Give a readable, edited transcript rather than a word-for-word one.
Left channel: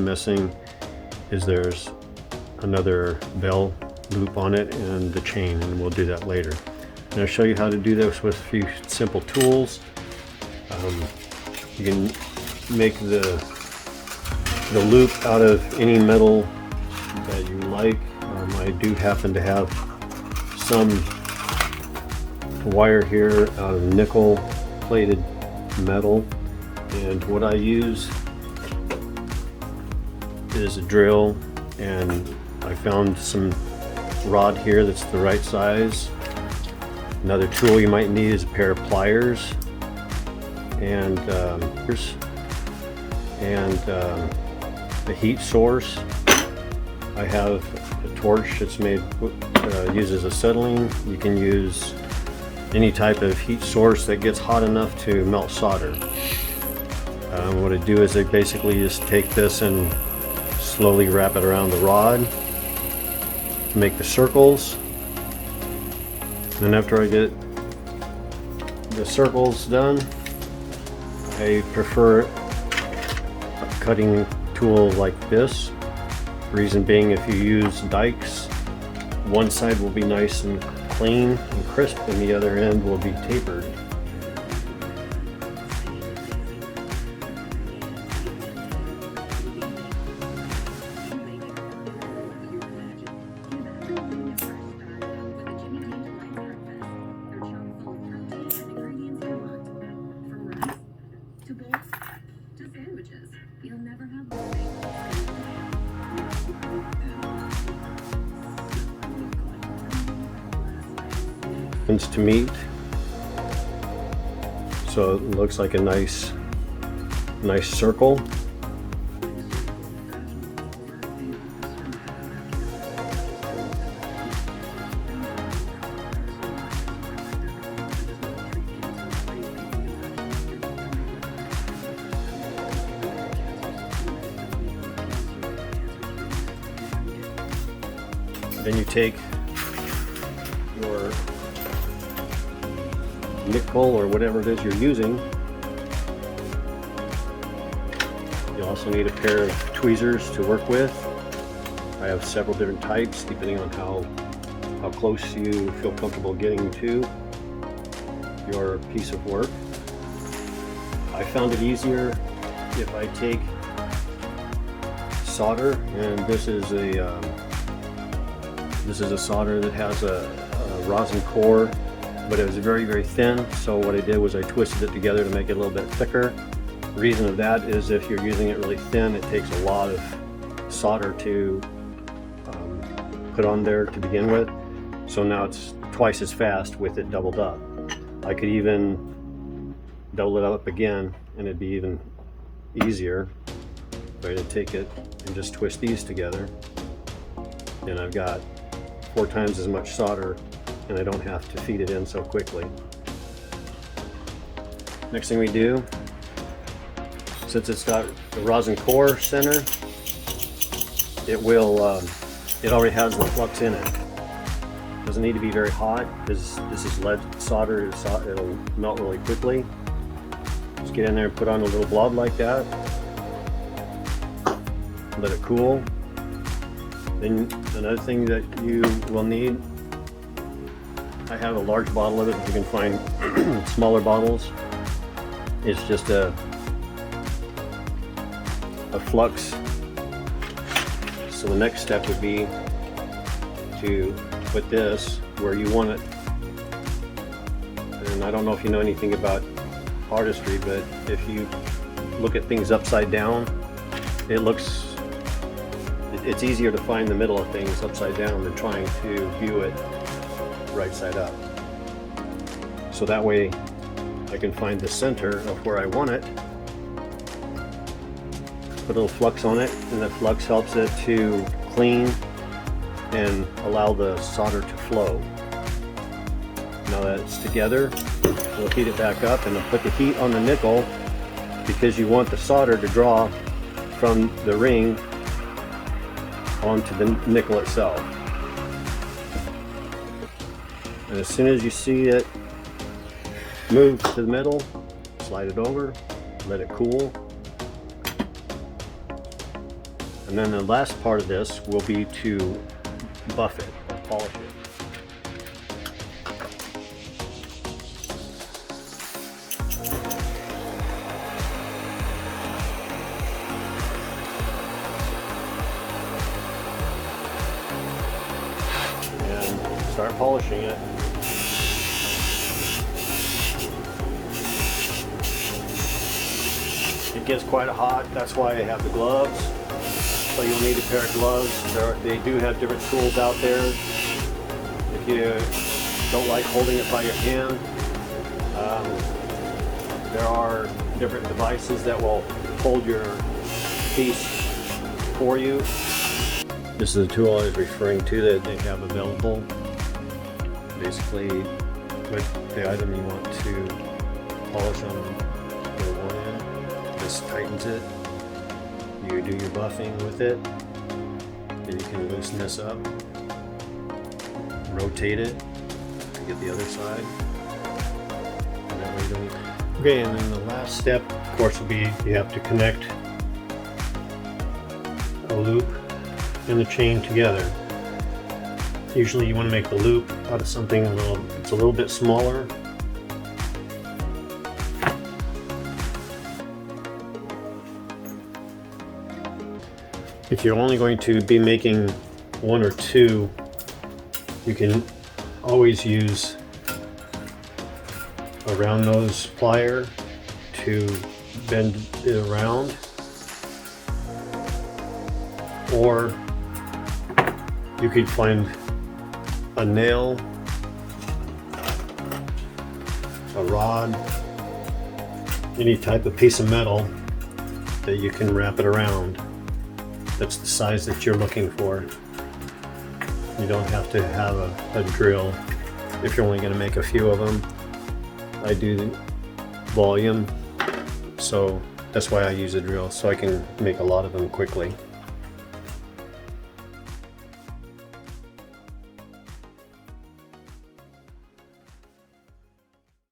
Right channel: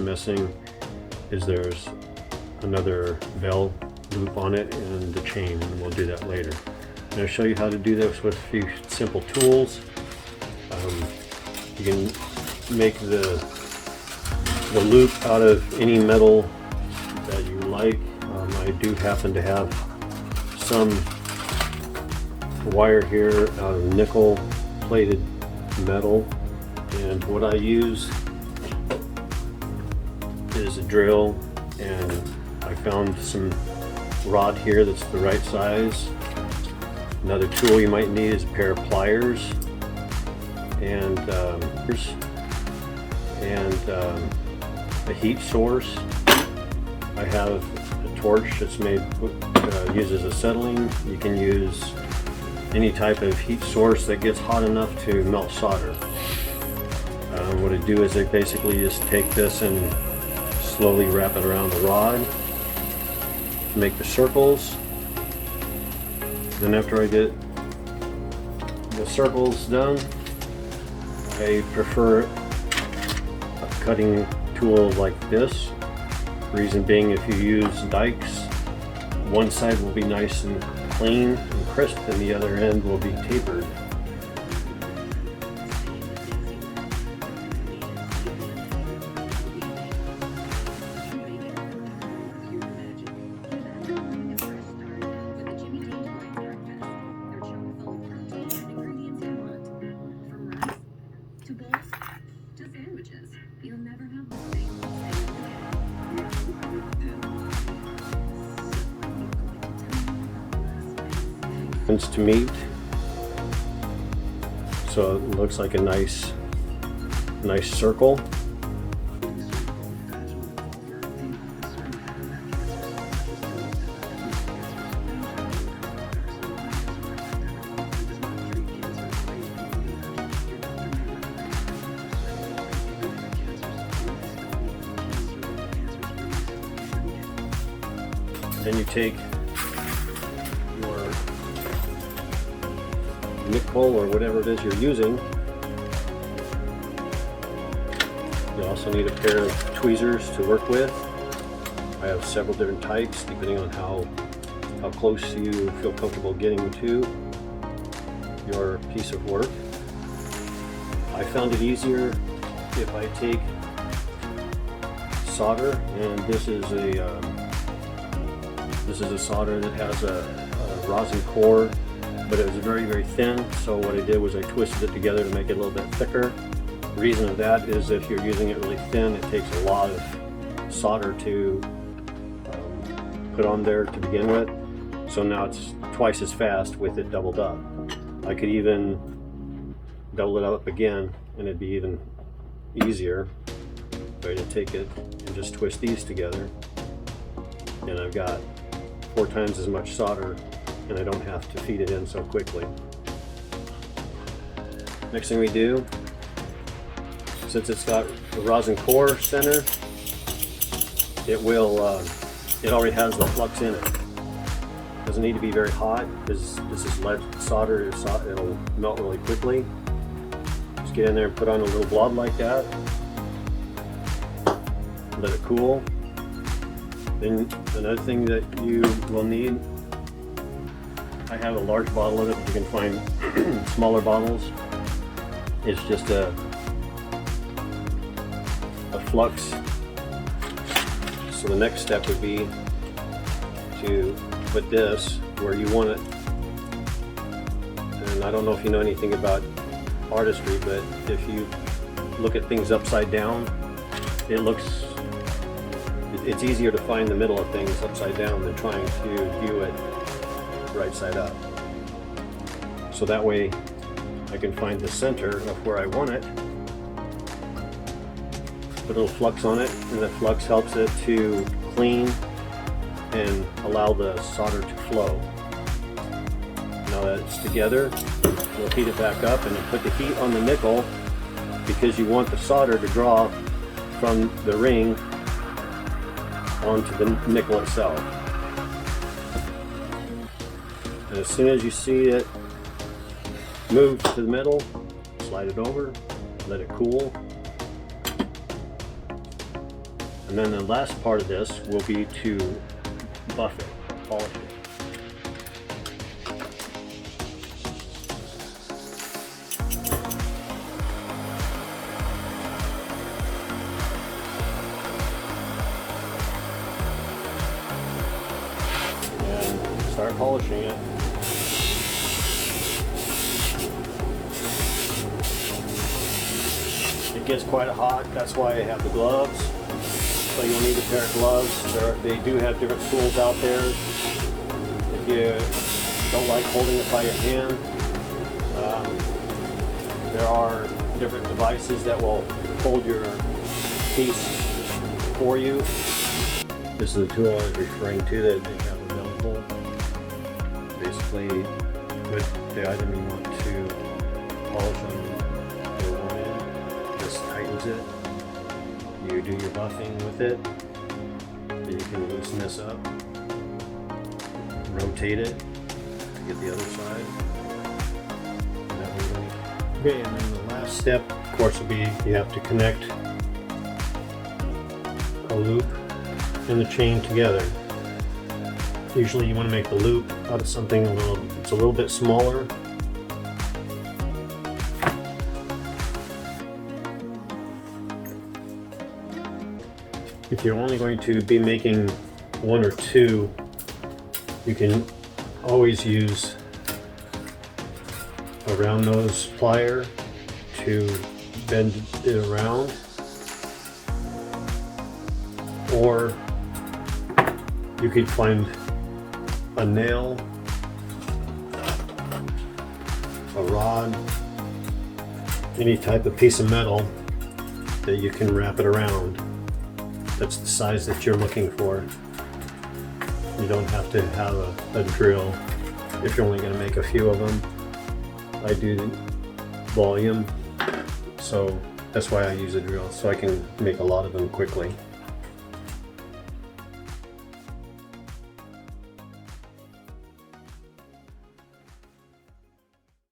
missing is there's another bell loop on it and the chain, and we'll do that later. And I'll show you how to do this with a few simple tools. You can make the loop out of any metal that you like. I do happen to have some wire here out of nickel plated metal, and what I use is a drill, and I found some rod here that's the right size. Another tool you might need is a pair of pliers and a heat source. I have a torch that's made uses acetylene. You can use any type of heat source that gets hot enough to melt solder. What I do is I basically just take this and slowly wrap it around the rod, make the circles. Then after I get the circles done, I prefer a cutting tool like this. Reason being, if you use dikes, one side will be nice and clean and crisp and the other end will be tapered. To meet, so it looks like a nice circle. Then you take your nickel or whatever it is you're using. You also need a pair of tweezers to work with. I have several different types depending on how close you feel comfortable getting to your piece of work. I found it easier if I take solder, and this is a solder that has a rosin core, but it was very, very thin, so what I did was I twisted it together to make it a little bit thicker. The reason of that is if you're using it really thin, it takes a lot of solder to put on there to begin with, so now it's twice as fast with it doubled up. I could even double it up again and it'd be even easier. I can take it and just twist these together, and I've got 4 times as much solder, and I don't have to feed it in so quickly. Next thing we do, since it's got the rosin core center, it already has the flux in it. Doesn't need to be very hot because this is lead solder. It'll melt really quickly. Just get in there and put on a little blob like that. Let it cool. Then another thing that you will need, I have a large bottle of it. You can find smaller bottles. It's just a flux. So the next step would be to put this where you want it. And I don't know if you know anything about artistry, but if you look at things upside down, it's easier to find the middle of things upside down than trying to view it right side up. So that way I can find the center of where I want it, put a little flux on it, and the flux helps it to clean and allow the solder to flow. Now that it's together, we'll heat it back up and put the heat on the nickel because you want the solder to draw from the ring onto the nickel itself. And as soon as you see it move to the middle, slide it over, let it cool. And then the last part of this will be to buff it, polish it. And start polishing it. It gets quite hot, that's why I have the gloves. So you'll need a pair of gloves. They do have different tools out there. If you don't like holding it by your hand, there are different devices that will hold your piece for you. This is the tool I was referring to that they have available. Basically, with the item you want to polish on the one end, this tightens it. You do your buffing with it, and you can loosen this up, rotate it to get the other side. Okay, and then the last step, of course, will be you have to connect a loop and the chain together. Usually you want to make the loop out of something it's a little bit smaller. If you're only going to be making one or two, you can always use a round nose plier to bend it around, or you could find a nail, a rod, any type of piece of metal that you can wrap it around. That's the size that you're looking for. You don't have to have a drill if you're only going to make a few of them. I do volume, so that's why I use a drill, so I can make a lot of them quickly.